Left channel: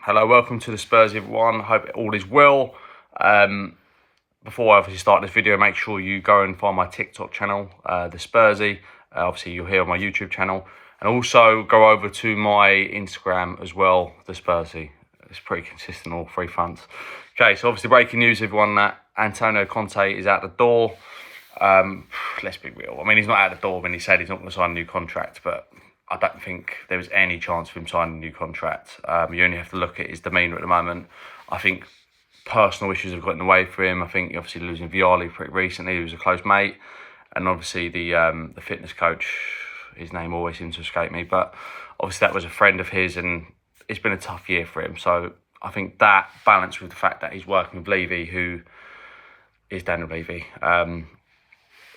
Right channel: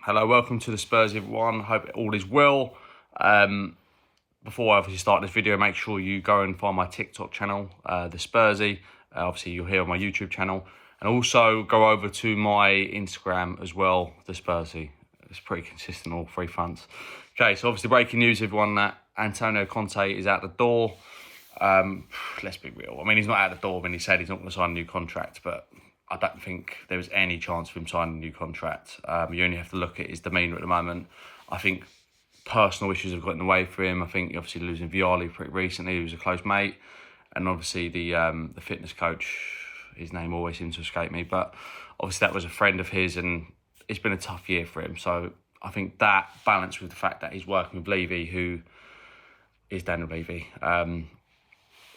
Hello, welcome to the Spurs everyone. Hope all is well. Before I obviously start this video, make sure you go and find my TikTok channel, the Spursy. Obviously, you'll hear on my YouTube channel, and also go over to my Instagram as well, the Spursy. It's pretty consistent, all three fronts. Okay, so obviously breaking news, everyone, that Antonio Conte is out the door. Let's be real. I mean, he's not out the door when he said he's not going to sign a new contract, but I don't think there was any chance of him signing a new contract. You only have to look at his demeanour at the moment. I think personal issues have got in the way for him. I think obviously losing Vialli pretty recently, he was a close mate, and obviously the fitness coach, his name always seems to escape me, but obviously that was a friend of his, and it's been a tough year for him. So I think that balanced with the fact that he's working with Levy, who is Daniel Levy.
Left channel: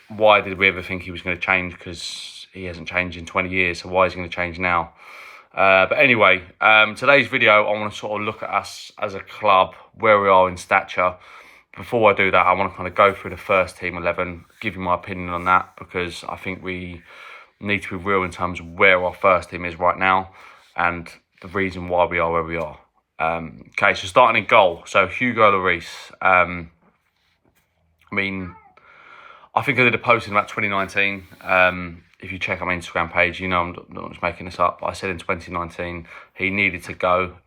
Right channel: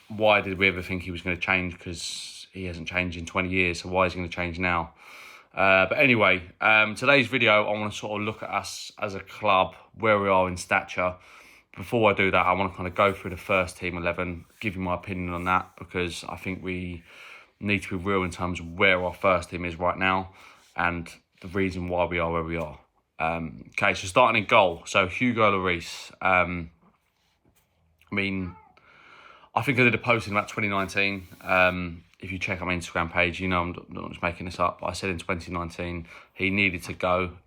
Why did we ever think he was going to change? Because he hasn't changed in 20 years, so why is he going to change now? But anyway, today's video, I want to sort of look at us as a club, where we are in stature. Before I do that, I want to kind of go through the first team 11, give you my opinion on that, because I think we need to be real in terms of where our first team is right now and the reason why we are where we are. Okay, so starting in goal. So Hugo Lloris. I think I did a post in about 2019. If you check on my Instagram page, you know I'm not just making this up. I said in 2019 he needed to go.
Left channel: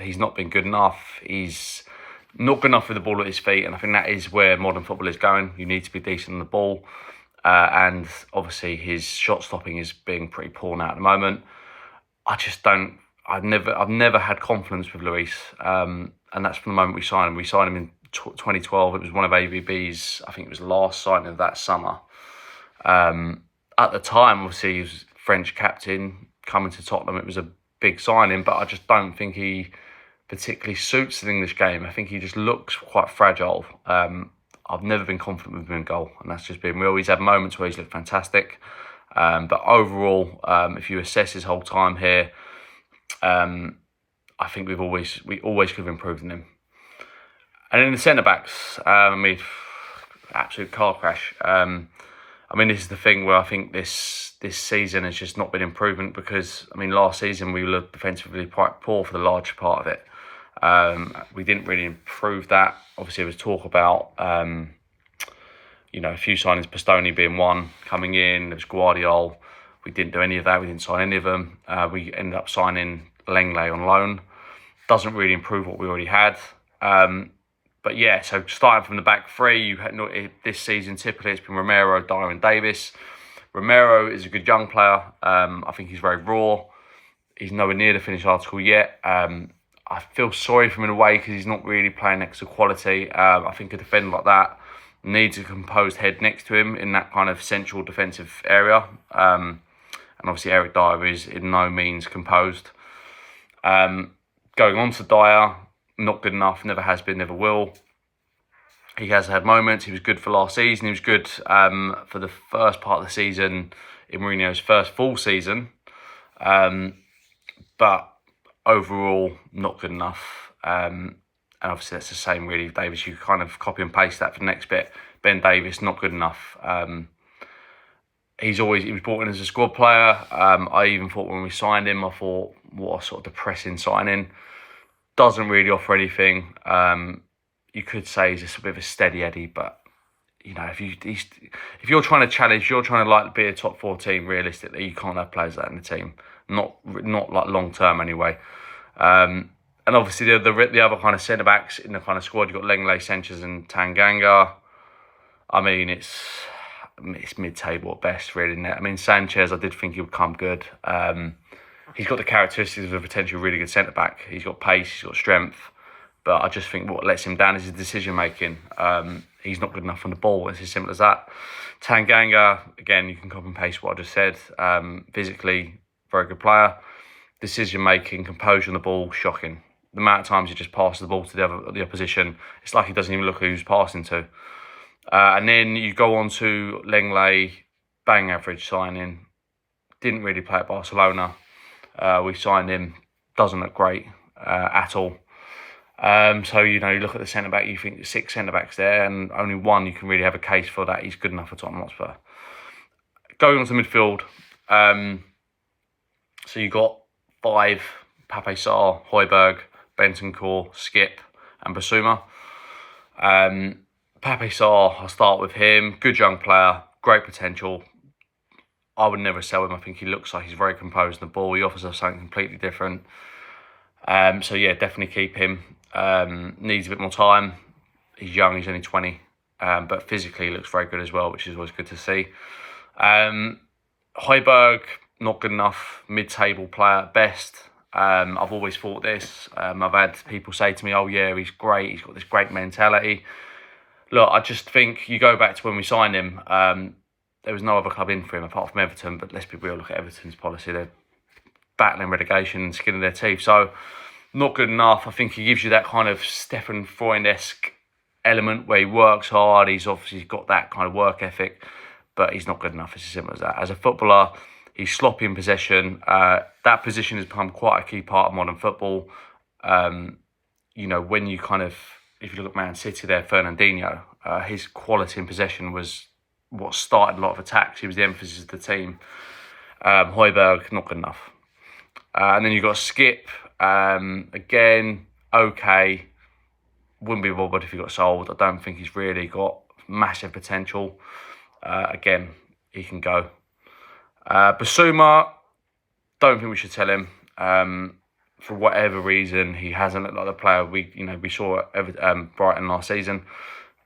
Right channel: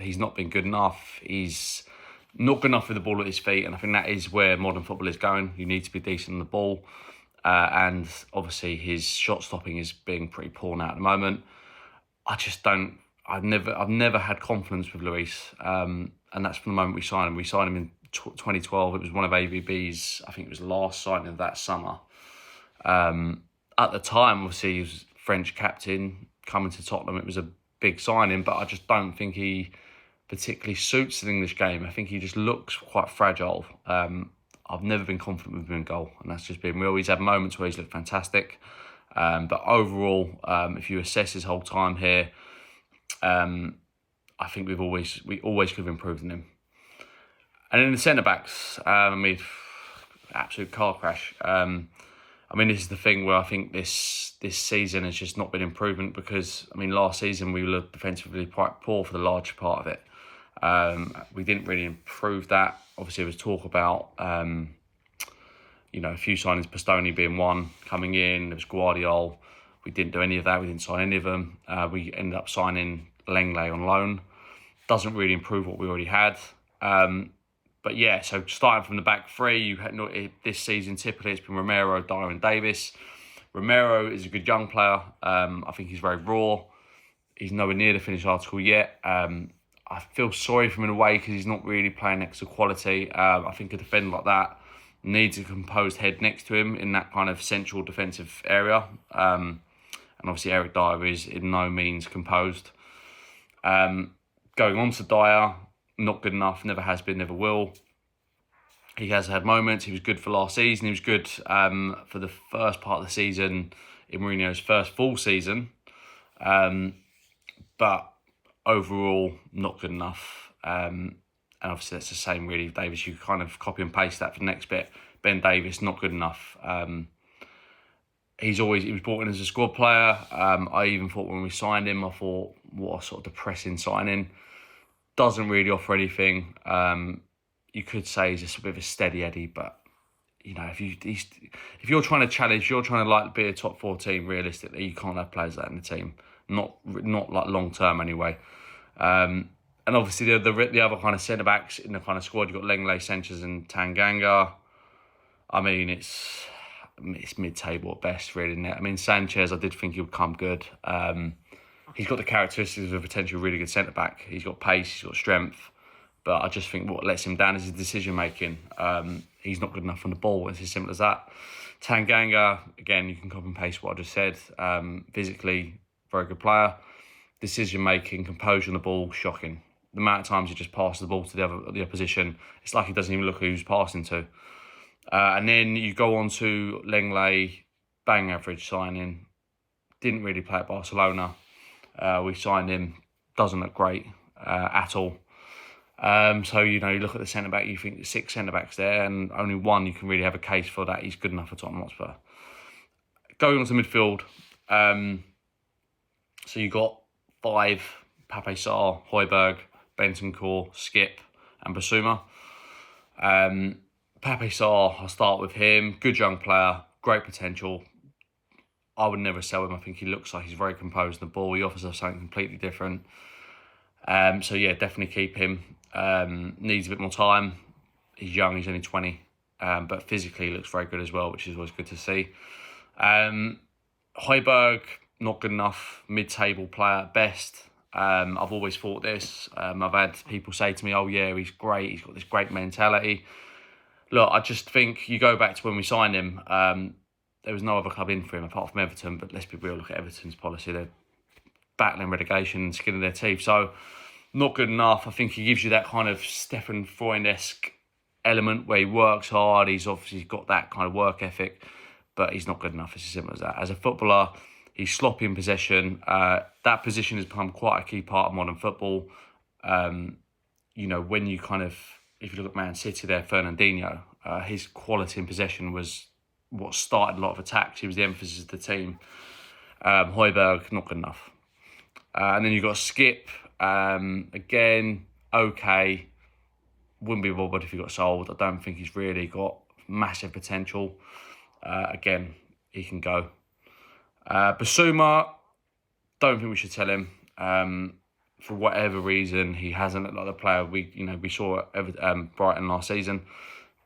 He's not been good enough. He's not good enough with the ball at his feet, and I think that is where modern football is going. You need to be decent on the ball, and obviously his shot stopping is being pretty poor now at the moment. I just don't. I've never had confidence with Lloris, and that's from the moment we signed him. We signed him in 2012. It was one of AVB's, I think it was the last signing of that summer. At the time, obviously, he was French captain coming to Tottenham. It was a big signing, but I just don't think he particularly suits the English game. I think he just looks quite fragile. I've never been confident with him in goal, and that's just been real. He's had moments where he's looked fantastic, but overall, if you assess his whole time here, I think we always could have improved in him. And in the centre backs, absolute car crash. This is the thing where I think this season has just not been improvement, because last season we were defensively quite poor for the large part of it. We didn't really improve that. Obviously, there was talk about a few signings, Bastoni being one coming in. There was Guardiola. We didn't do any of that. We didn't sign any of them. We ended up signing Lenglet on loan. Doesn't really improve what we already had. But yeah, so starting from the back three, you had this season typically it's been Romero, Dyer, and Davis. Romero is a good young player. I think he's very raw. He's nowhere near the finished article yet. I feel sorry for him in a way because he's not really playing next to quality. I think a defender like that needs a composed head next to him in that kind of central defensive area. And obviously Eric Dyer is in no means composed. Going on to Dyer, not good enough, never has been, never will. He has had moments. He was good for last season. He was good for the first part of the season in Mourinho's first full season. But overall, not good enough. And obviously that's the same really with Davis. You kind of copy and paste that for the next bit. Ben Davis, not good enough. He was brought in as a squad player. I even thought when we signed him, I thought, what a sort of depressing signing. Doesn't really offer anything. You could say he's just a bit of a steady Eddie, but if you're trying to challenge, if you're trying to be a top four team, realistically, you can't have players like that in the team. Not like long term anyway. And obviously the other kind of centre backs in the kind of squad, you've got Lenglet, Sanchez, and Tanganga. It's mid-table at best, really, isn't it? Sanchez, I did think he would come good. He's got the characteristics of a potentially really good centre-back. He's got pace, he's got strength. But I just think what lets him down is his decision-making. He's not good enough on the ball. It's as simple as that. Tanganga, again, you can copy and paste what I just said. Physically, very good player. Decision-making, composure on the ball, shocking. The amount of times he just passes the ball to the opposition, it's like he doesn't even look who he's passing to. And then you go on to Lenglet, bang average signing. Didn't really play at Barcelona. We signed him, doesn't look great at all. So, you look at the centre-back, you think 6 centre-backs there, and only one you can really have a case for that he's good enough for Tottenham Hotspur. Going on to midfield, so you got 5 Pape Sarr, Højbjerg, Bentancur, Skip and Basuma. Pape Sarr, I'll start with him. Good young player, great potential. I would never sell him. I think he looks like he's very composed in the ball. He offers us something completely different. So yeah, definitely keep him. Needs a bit more time. He's young, he's only 20. But physically he looks very good as well, which is always good to see. Højbjerg, not good enough. Mid-table player at best. I've always thought this. I've had people say to me, oh yeah, he's great. He's got this great mentality. Look, I just think you go back to when we signed him, there was no other club in for him apart from Everton. But let's be real, look at Everton's policy. They're battling relegation and skin of their teeth. So not good enough. I think he gives you that kind of Stefan Freund-esque element where he works hard. He's obviously got that kind of work ethic, but he's not good enough. It's as simple as that. As a footballer, he's sloppy in possession. That position has become quite a key part of modern football. You know, when you kind of, if you look at Man City there, Fernandinho, his quality in possession was what started a lot of attacks. He was the emphasis of the team. Højbjerg, not good enough. And then you've got Skip. Again, okay. Wouldn't be bothered if he got sold. I don't think he's really got massive potential. Again, he can go. Basuma, don't think we should tell him. For whatever reason, he hasn't looked like the player we saw at Brighton last season.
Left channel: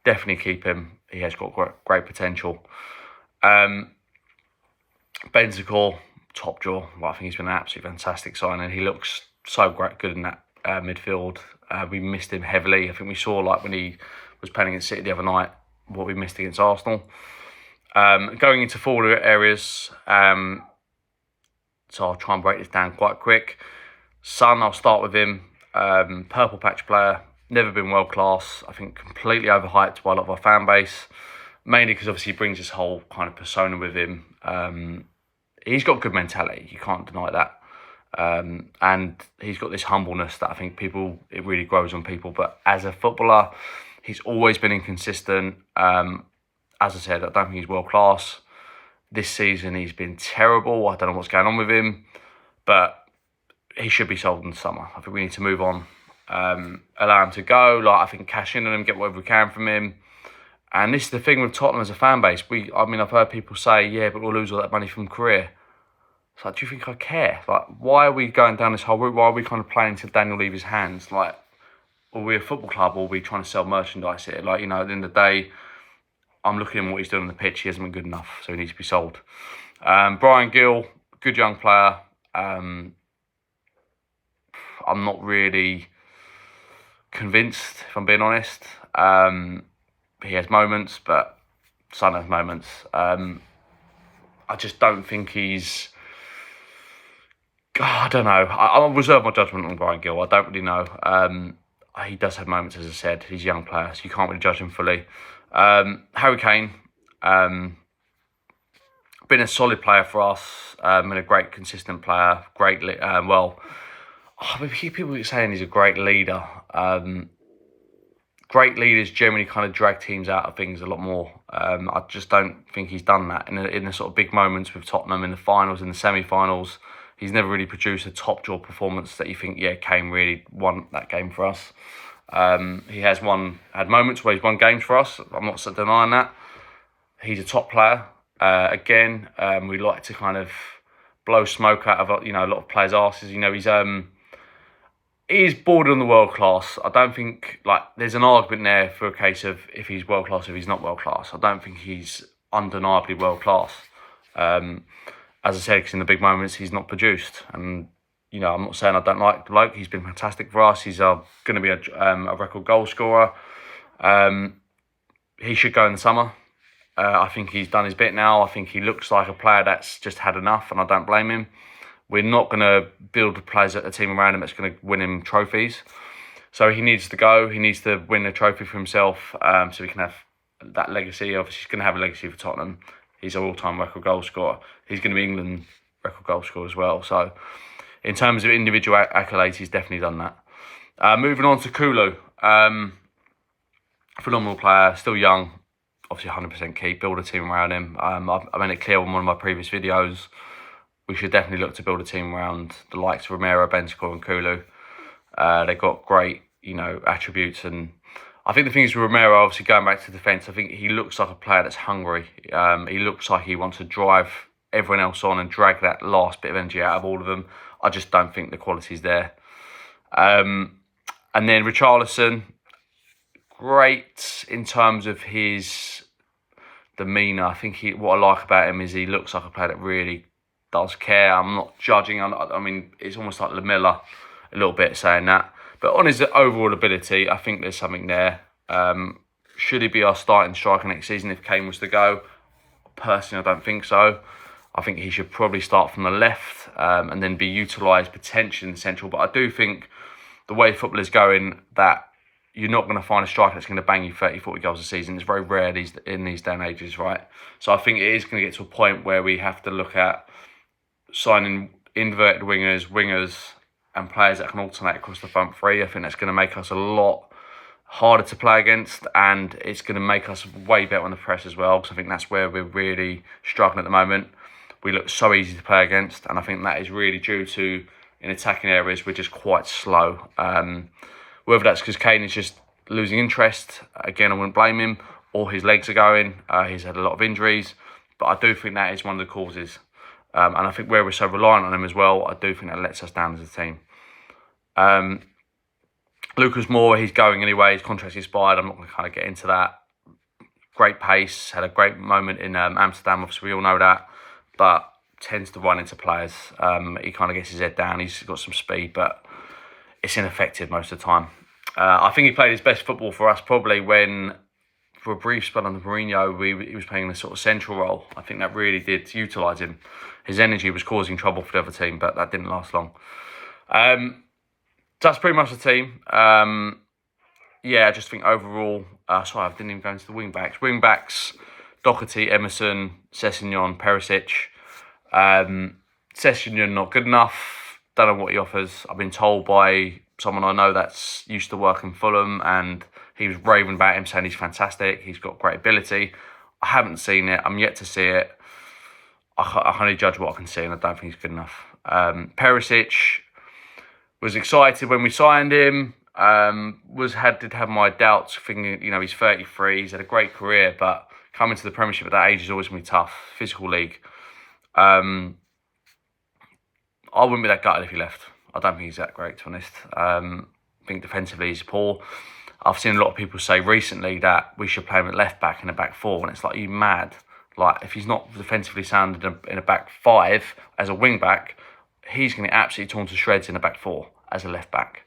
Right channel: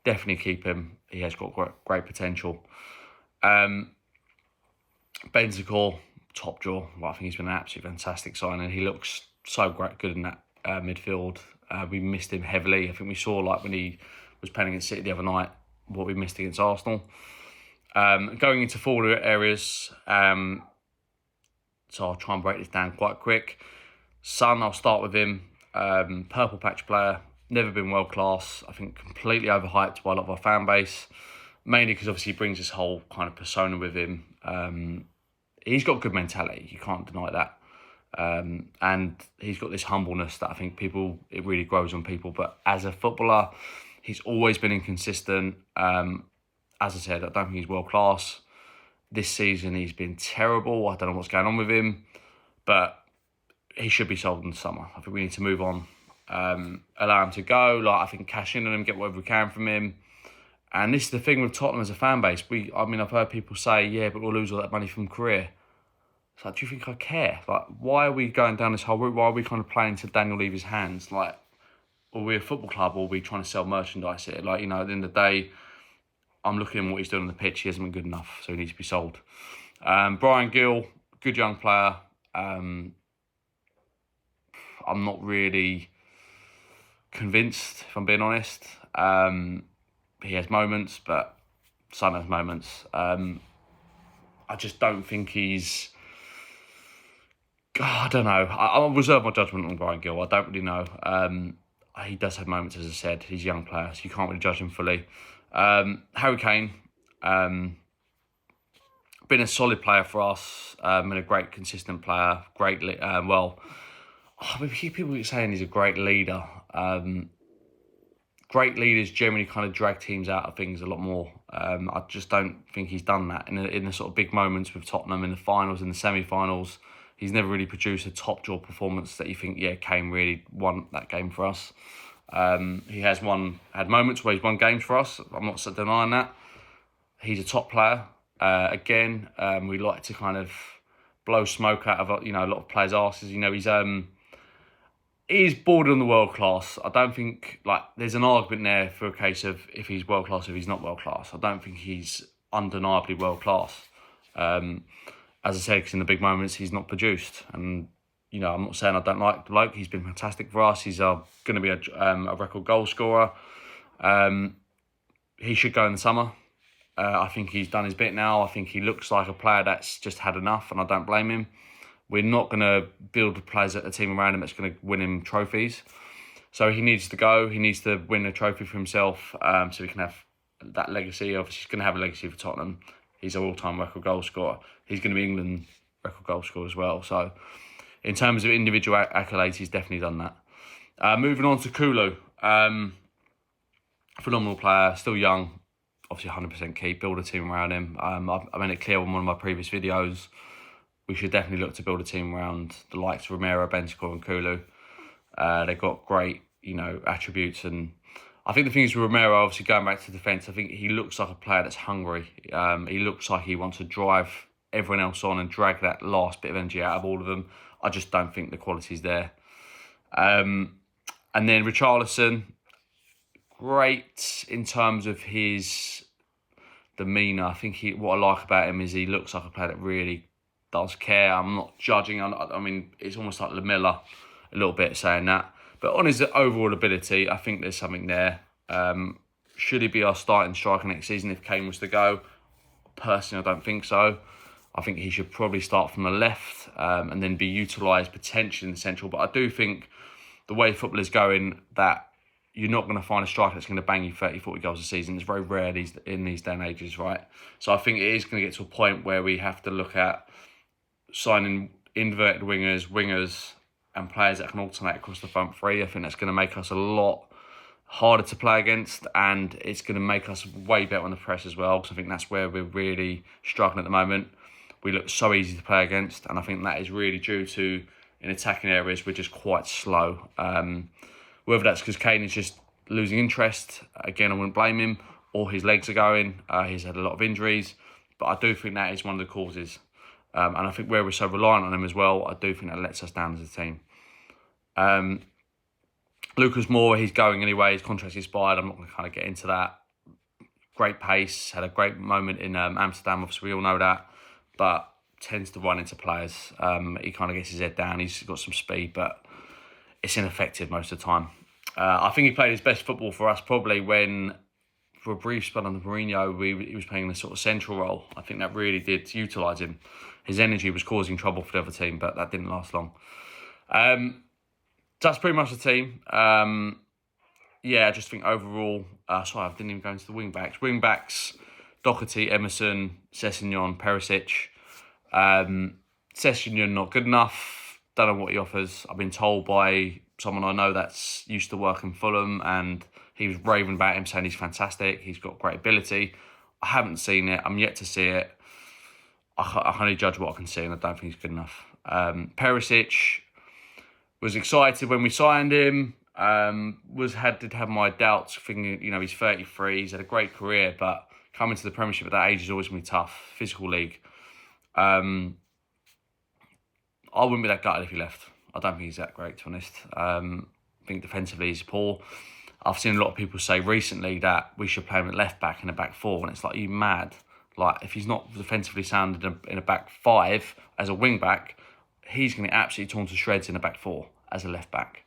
Definitely keep him. He has got great potential. Bentancur, top draw. Well, I think he's been an absolutely fantastic signing. He looks so good in that midfield. We missed him heavily. I think we saw, like, when he was playing against City the other night, what we missed against Arsenal. Going into forward areas, so I'll try and break this down quite quick. Son, I'll start with him. Purple patch player, never been world class. I think completely overhyped by a lot of our fan base, mainly because obviously he brings this whole kind of persona with him. He's got good mentality, you can't deny that. And he's got this humbleness that I think it really grows on people. But as a footballer, he's always been inconsistent. As I said, I don't think he's world class. This season, he's been terrible. I don't know what's going on with him, but he should be sold in the summer. I think we need to move on, allow him to go. Like, I think cash in on him, get whatever we can from him. And this is the thing with Tottenham as a fan base. I've heard people say, yeah, but we'll lose all that money from career. It's like, do you think I care? Like, why are we going down this whole route? Why are we kind of playing to Daniel Levy's hands? Like, are we a football club or are we trying to sell merchandise here? Like, at the end of the day, I'm looking at what he's doing on the pitch. He hasn't been good enough, so he needs to be sold. Bryan Gil, good young player. I'm not really convinced, if I'm being honest. He has moments, but Son has moments. I just don't think he's... I don't know. I'll reserve my judgment on Bryan Gil. I don't really know. He does have moments, as I said. He's a young player, so you can't really judge him fully. Harry Kane, been a solid player for us, and a great consistent player. People keep saying he's a great leader. Great leaders generally kind of drag teams out of things a lot more. I just don't think he's done that in the sort of big moments with Tottenham in the finals, in the semi-finals. He's never really produced a top draw performance that you think, yeah, Kane really won that game for us. He has had moments where he's won games for us. I'm not denying that. He's a top player. Again, we like to kind of blow smoke out of a lot of players' asses. He's bordered on the world class. I don't think there's an argument there for a case of if he's world class, if he's not world class. I don't think he's undeniably world class. As I said, because in the big moments he's not produced, and I'm not saying I don't like the bloke. He's been fantastic for us. He's going to be a record goal scorer. He should go in the summer. I think he's done his bit now. I think he looks like a player that's just had enough, and I don't blame him. We're not going to build a team around him that's going to win him trophies. So he needs to go. He needs to win a trophy for himself, so he can have that legacy. Obviously, he's going to have a legacy for Tottenham. He's an all-time record goal scorer. He's going to be England record goal scorer as well. So in terms of individual accolades, he's definitely done that. Moving on to Kulu. Phenomenal player, still young. Obviously 100% keep, build a team around him. I made it clear on one of my previous videos. we should definitely look to build a team around the likes of Romero, Bentancur and Kulu. They've got great, attributes. And I think the thing is with Romero, obviously going back to defence, I think he looks like a player that's hungry. He looks like he wants to drive everyone else on and drag that last bit of energy out of all of them. I just don't think the quality's there. And then Richarlison, great in terms of his demeanour. I think what I like about him is he looks like a player that really does care. I'm not judging. I mean, it's almost like Lamella a little bit saying that. But on his overall ability, I think there's something there. Should he be our starting striker next season if Kane was to go? Personally, I don't think so. I think he should probably start from the left and then be utilised potentially in the central. But I do think the way football is going, that you're not going to find a striker that's going to bang you 30, 40 goals a season. It's very rare in these day and ages, right? So I think it is going to get to a point where we have to look at signing inverted wingers, and players that can alternate across the front three. I think that's going to make us a lot harder to play against, and it's going to make us way better on the press as well, because I think that's where we're really struggling at the moment. We look so easy to play against, and I think that is really due to, in attacking areas, we're just quite slow. Whether that's because Kane is just losing interest, again, I wouldn't blame him, or his legs are going. He's had a lot of injuries, but I do think that is one of the causes. And I think where we're so reliant on him as well, I do think that lets us down as a team. Lucas Moura, he's going anyway. His contract's expired. I'm not going to kind of get into that. Great pace. Had a great moment in Amsterdam. Obviously, we all know that. But tends to run into players. He kind of gets his head down. He's got some speed, but it's ineffective most of the time. I think he played his best football for us probably when, for a brief spell under Mourinho, he was playing the sort of central role. I think that really did utilise him. His energy was causing trouble for the other team, but that didn't last long. That's pretty much the team. I just think overall... sorry, I didn't even go into the wing-backs. Wing-backs, Doherty, Emerson, Sessegnon, Perisic. Sessegnon not good enough. Don't know what he offers. I've been told by someone I know that's used to work in Fulham, and he was raving about him, saying he's fantastic. He's got great ability. I haven't seen it. I'm yet to see it. I can only judge what I can see, and I don't think he's good enough. Perisic was excited when we signed him. Did have my doubts, thinking he's 33. He's had a great career, but coming to the Premiership at that age is always going to be tough. Physical league. I wouldn't be that gutted if he left. I don't think he's that great, to be honest. I think defensively he's poor. I've seen a lot of people say recently that we should play him at left back in a back four, and it's like, are you mad? Like, if he's not defensively sound in a back five as a wing back, he's going to get absolutely torn to shreds in a back four as a left back.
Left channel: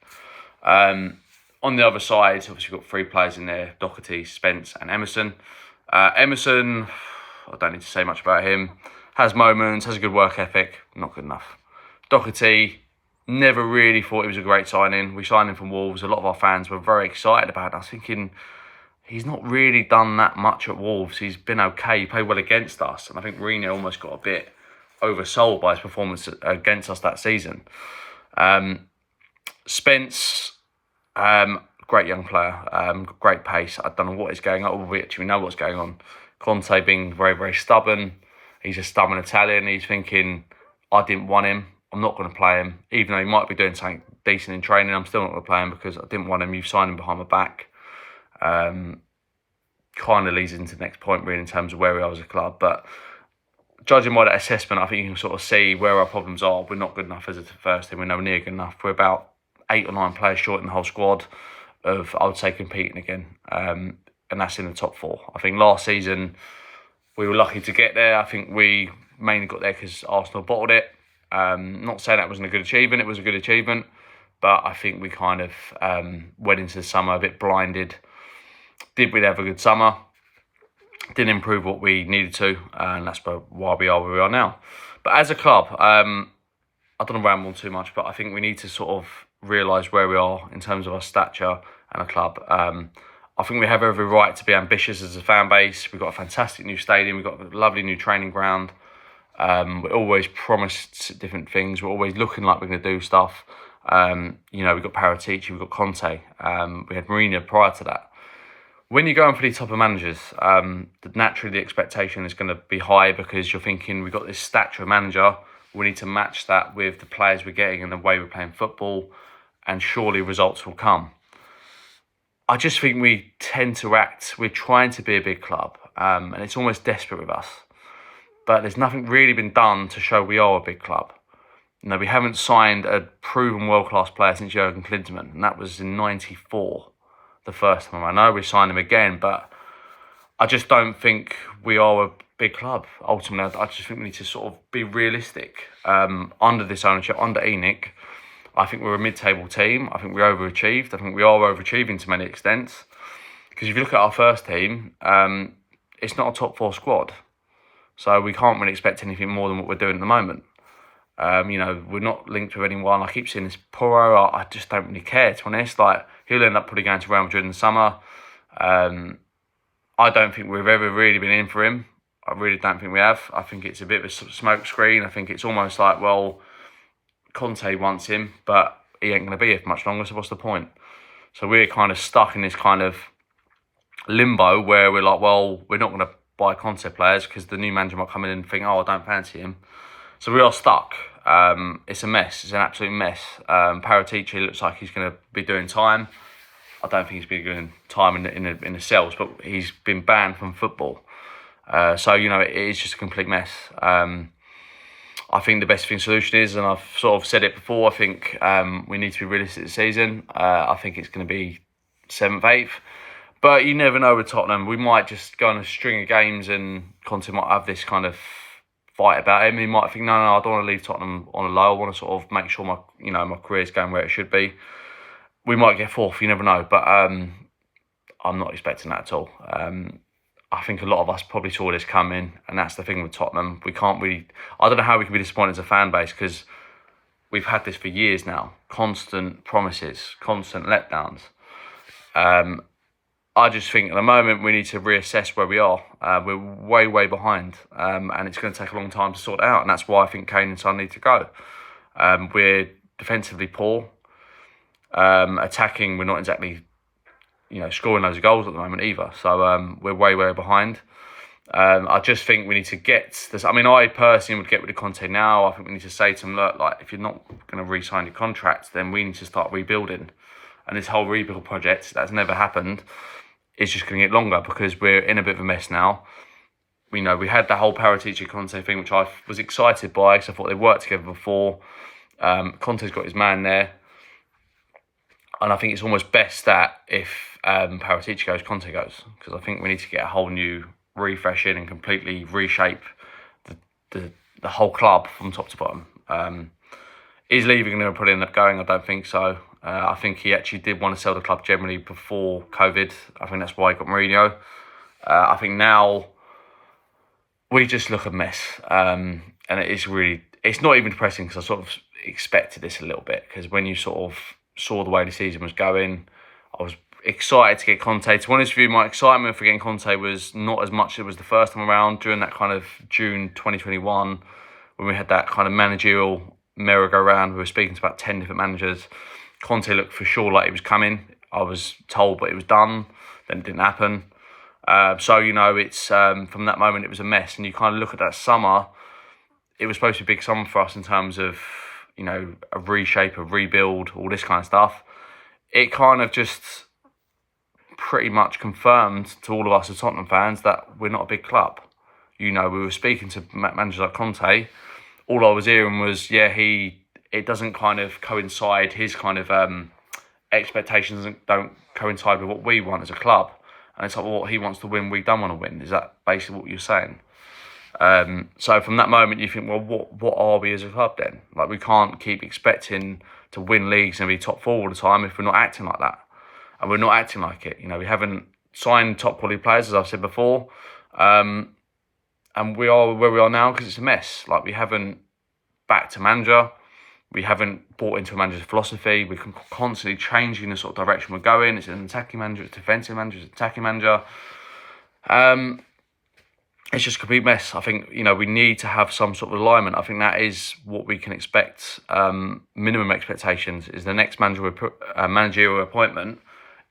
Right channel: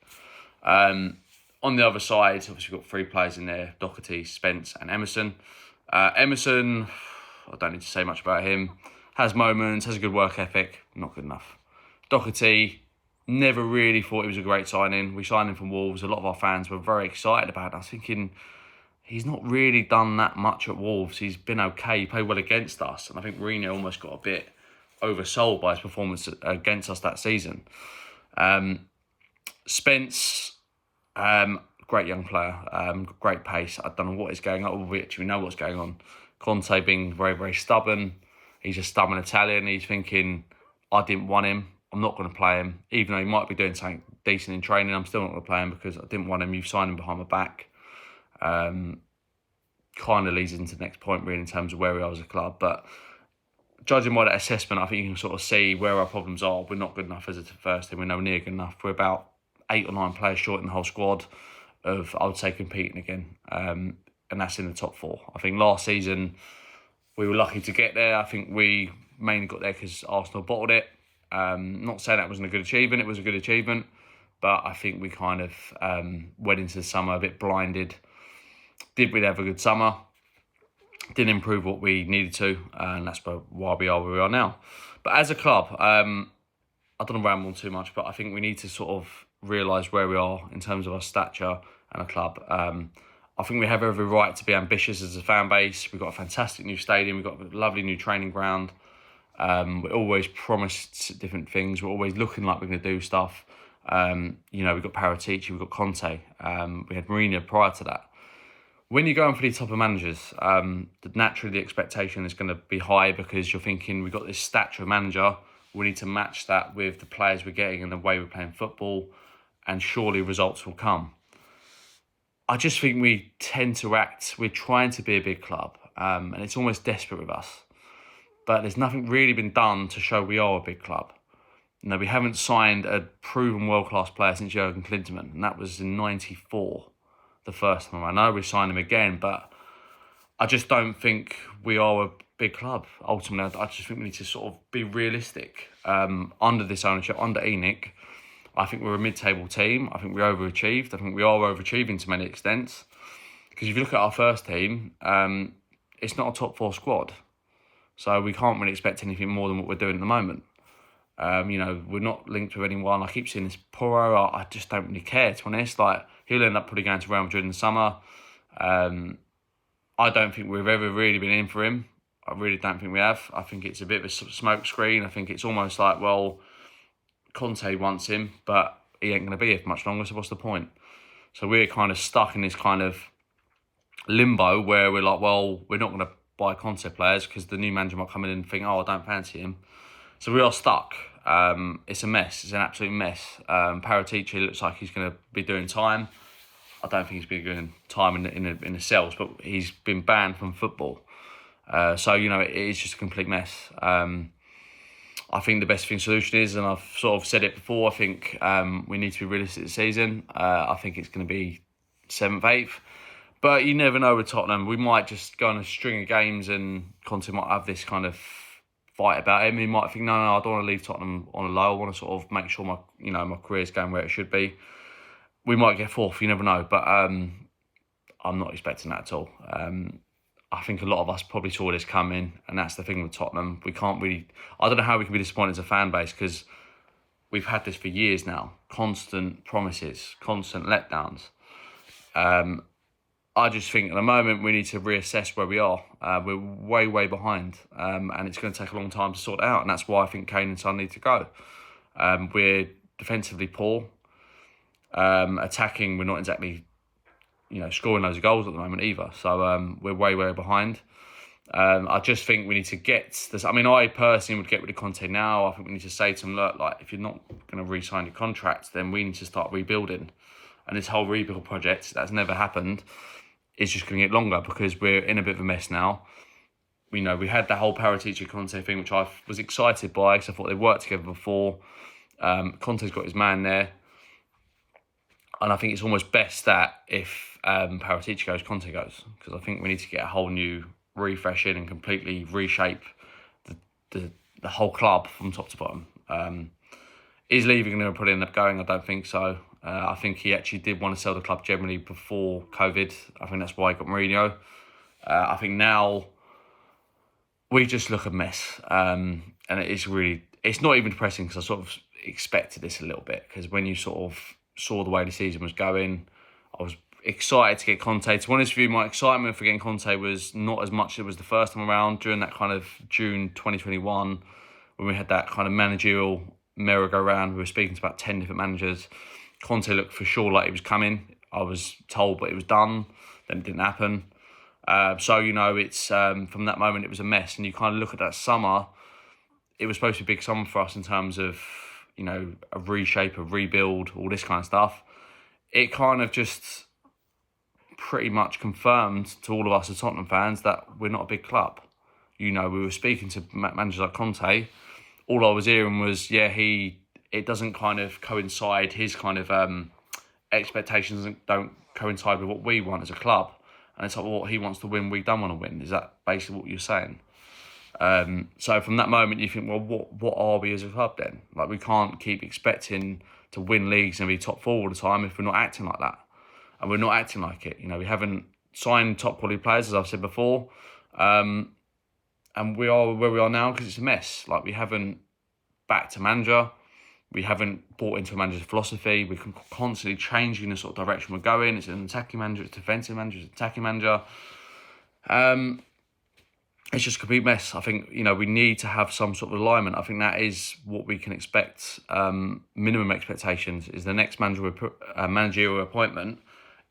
On the other side, obviously we've got three players in there: Doherty, Spence, and Emerson. Emerson, I don't need to say much about him. Has moments, has a good work ethic, not good enough. Doherty, never really thought he was a great signing. We signed him from Wolves. A lot of our fans were very excited about it. I was thinking, he's not really done that much at Wolves. He's been okay. He played well against us. And I think Mourinho almost got a bit oversold by his performance against us that season. Spence, great young player, great pace. I don't know what is going on. We actually know what's going on. Conte being very, very stubborn. He's a stubborn Italian. He's thinking, I didn't want him. I'm not going to play him. Even though he might be doing something decent in training, I'm still not going to play him because I didn't want him. You've signed him behind my back. Kind of leads into the next point, really, in terms of where we are as a club. But judging by that assessment, I think you can sort of see where our problems are. We're not good enough as a first team. We're nowhere near good enough. We're about 8 or 9 players short in the whole squad of, I would say, competing again. And that's in the top 4. I think last season we were lucky to get there. I think we mainly got there because Arsenal bottled it. Not saying that wasn't a good achievement. It was a good achievement. But I think we kind of went into the summer a bit blinded. Did we have a good summer? Didn't improve what we needed to. And that's why we are where we are now. But as a club, I don't want to ramble on too much, but I think we need to sort of realise where we are in terms of our stature and a club. I think we have every right to be ambitious as a fan base. We've got a fantastic new stadium. We've got a lovely new training ground. We're always promised different things. We're always looking like we're going to do stuff. We've got Paratici, we've got Conte. We had Mourinho prior to that. When you're going for these type of managers, naturally the expectation is going to be high because you're thinking, we've got this stature of manager. We need to match that with the players we're getting and the way we're playing football, and surely results will come. I just think we tend to act, we're trying to be a big club, and it's almost desperate with us. But there's nothing really been done to show we are a big club. We haven't signed a proven world-class player since Jurgen Klinsmann, and that was in '94, the first time. I know we signed him again, but I just don't think we are a big club. Ultimately, I just think we need to sort of be realistic. Under this ownership, under ENIC, I think we're a mid-table team. I think we overachieved. I think we are overachieving to many extents. Because if you look at our first team, it's not a top 4 squad. So we can't really expect anything more than what we're doing at the moment. We're not linked with anyone. I keep seeing this Porro. I just don't really care, to be honest. Like, he'll end up probably going to Real Madrid in the summer. I don't think we've ever really been in for him. I really don't think we have. I think it's a bit of a smoke screen. I think it's almost like, well, Conte wants him, but he ain't going to be here for much longer, so what's the point? So we're kind of stuck in this kind of limbo where we're like, well, we're not going to buy Conte players because the new manager might come in and think, oh, I don't fancy him. So we are stuck. It's a mess. It's an absolute mess. Paratici looks like he's going to be doing time. I don't think he's been doing time in the cells, but he's been banned from football. So it is just a complete mess. I think the best solution is, and I've sort of said it before, I think we need to be realistic this season. I think it's going to be 7th, 8th. But you never know with Tottenham. We might just go on a string of games and Conte might have this kind of fight about him. He might think, no, I don't want to leave Tottenham on a low. I want to sort of make sure my career's going where it should be. We might get 4th, you never know. But I'm not expecting that at all. I think a lot of us probably saw this coming, and that's the thing with Tottenham. We can't really... I don't know how we can be disappointed as a fan base, because we've had this for years now. Constant promises, constant letdowns. I just think at the moment we need to reassess where we are. We're way, way behind, and it's going to take a long time to sort it out, and that's why I think Kane and Son need to go. We're defensively poor. Attacking, we're not exactly... scoring loads of goals at the moment either. So we're way, way behind. I just think we need to get this. I mean, I personally would get rid of Conte now. I think we need to say to him, look, like, if you're not going to re-sign your contract, then we need to start rebuilding. And this whole rebuild project that's never happened is just going to get longer because we're in a bit of a mess now. We had the whole Paratici Conte thing, which I was excited by because I thought they worked together before. Conte's got his man there. And I think it's almost best that if Paratici goes, Conte goes, because I think we need to get a whole new refresh in and completely reshape the whole club from top to bottom. Is leaving and probably end up going? I don't think so. I think he actually did want to sell the club generally before COVID. I think that's why he got Mourinho. I think now we just look a mess. And it's not even depressing because I sort of expected this a little bit, because when you sort of saw the way the season was going, I was excited to get Conte. To be honest with you, my excitement for getting Conte was not as much as it was the first time around during that kind of June 2021 when we had that kind of managerial merry-go-round. We were speaking to about 10 different managers. Conte looked for sure like it was coming. I was told, but it was done. Then it didn't happen. It's from that moment it was a mess. And you kind of look at that summer, it was supposed to be a big summer for us in terms of a reshape, a rebuild, all this kind of stuff. It kind of just pretty much confirmed to all of us as Tottenham fans that we're not a big club. We were speaking to managers like Conte. All I was hearing was, it doesn't kind of coincide, his kind of expectations don't coincide with what we want as a club. And it's like, well, what he wants to win, we don't want to win. Is that basically what you're saying? So from that moment, you think, well, what are we as a club then? Like, we can't keep expecting to win leagues and be top 4 all the time if we're not acting like that. And we're not acting like it. We haven't signed top quality players, as I've said before. And we are where we are now because it's a mess. Like, we haven't backed a manager. We haven't bought into a manager's philosophy. We're constantly changing the sort of direction we're going. It's an attacking manager, it's a defensive manager, it's an attacking manager. It's just a complete mess. I think, we need to have some sort of alignment. I think that is what we can expect. Minimum expectations is the next managerial appointment.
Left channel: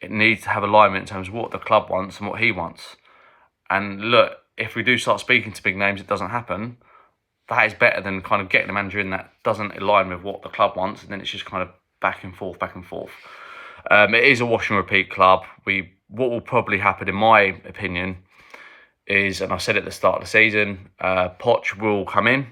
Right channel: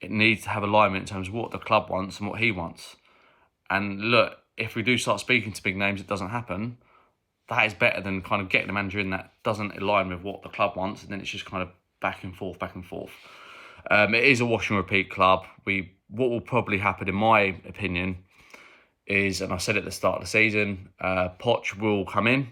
It needs to have alignment in terms of what the club wants and what he wants. And look, if we do start speaking to big names, it doesn't happen. that is better than kind of getting a manager in that doesn't align with what the club wants, and then it's just kind of back and forth, back and forth. It is a wash and repeat club. What will probably happen, in my opinion, is, and I said at the start of the season, Poch will come in.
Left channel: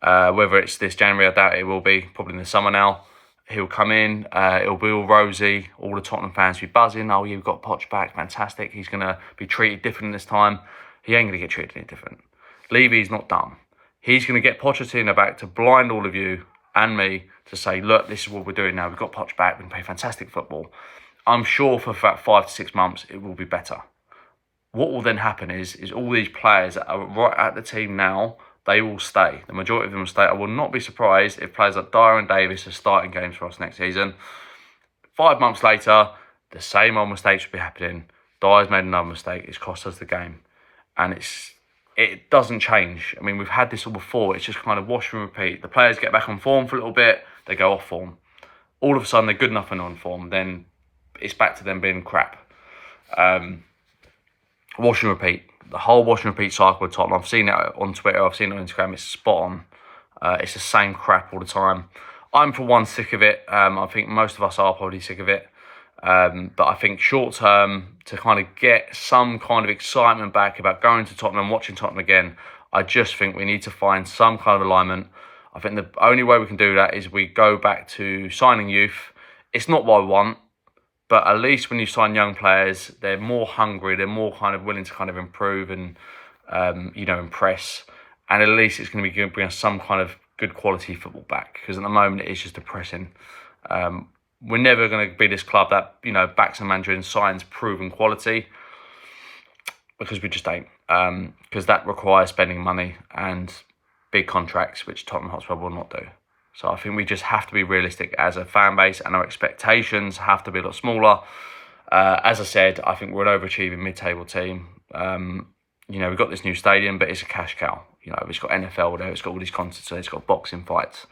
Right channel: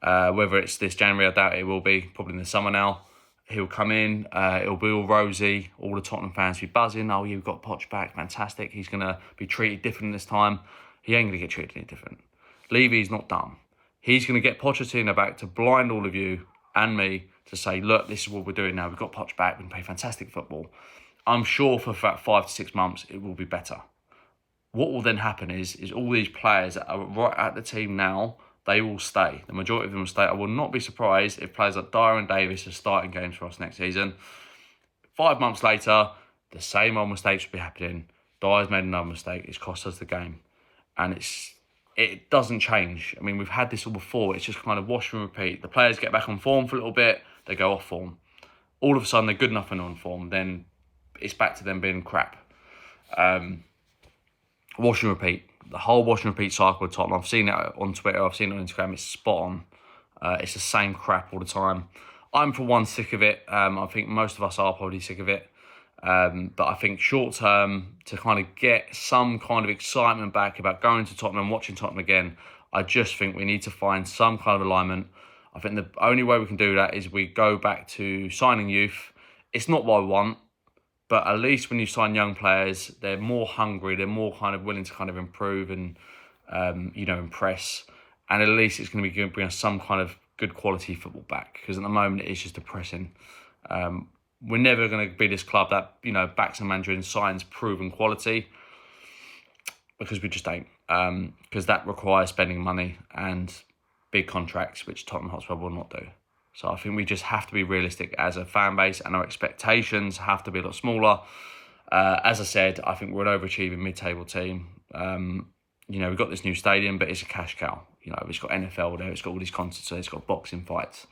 Whether it's this January, I doubt it will be, probably in the summer now. He'll come in, it'll be all rosy, all the Tottenham fans will be buzzing. Oh, you've got Poch back, fantastic. He's going to be treated different this time. He ain't going to get treated any different. Levy's not done. He's going to get Pochettino back to blind all of you and me to say, look, this is what we're doing now. We've got Poch back, we can play fantastic football. I'm sure for about 5 to 6 months, it will be better. What will then happen is all these players that are right at the team now, they will stay. The majority of them will stay. I will not be surprised if players like Dyer and Davis are starting games for us next season. 5 months later, the same old mistakes will be happening. Dyer's made another mistake. It's cost us the game. And it doesn't change. I mean, we've had this all before. It's just kind of wash and repeat. The players get back on form for a little bit. They go off form. All of a sudden, they're good enough and on form. Then it's back to them being crap. Wash and repeat. The whole wash and repeat cycle with Tottenham. I've seen it on Twitter. I've seen it on Instagram. It's spot on. It's the same crap all the time. I'm, for one, sick of it. I think most of us are probably sick of it. But I think short term, to kind of get some kind of excitement back about going to Tottenham and watching Tottenham again, I just think we need to find some kind of alignment. I think the only way we can do that is we go back to signing youth. It's not what I want, but at least when you sign young players, they're more hungry, they're more kind of willing to kind of improve and, impress. And at least it's going to be going to bring us some kind of good quality football back, because at the moment it's just depressing. We're never going to be this club that, backs a manager and signs proven quality, because we just ain't. Because that requires spending money and big contracts, which Tottenham Hotspur will not do. So I think we just have to be realistic as a fan base, and our expectations have to be a lot smaller. As I said, I think we're an overachieving mid-table team. We've got this new stadium, but it's a cash cow. It's got NFL there, it's got all these concerts there, it's got boxing fights.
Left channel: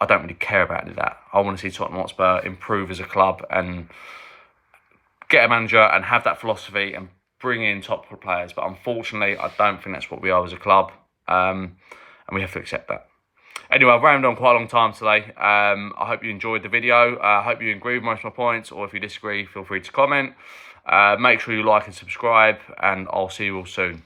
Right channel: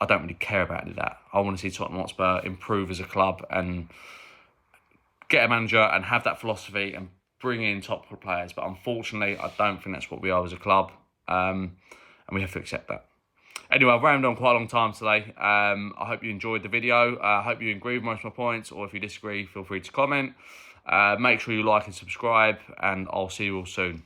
I don't really care about any of that. I want to see Tottenham Hotspur improve as a club and get a manager and have that philosophy and bring in top players. But unfortunately, I don't think that's what we are as a club. And we have to accept that. Anyway, I've rambled on quite a long time today. I hope you enjoyed the video. I hope you agree with most of my points, or if you disagree, feel free to comment. Make sure you like and subscribe, and I'll see you all soon.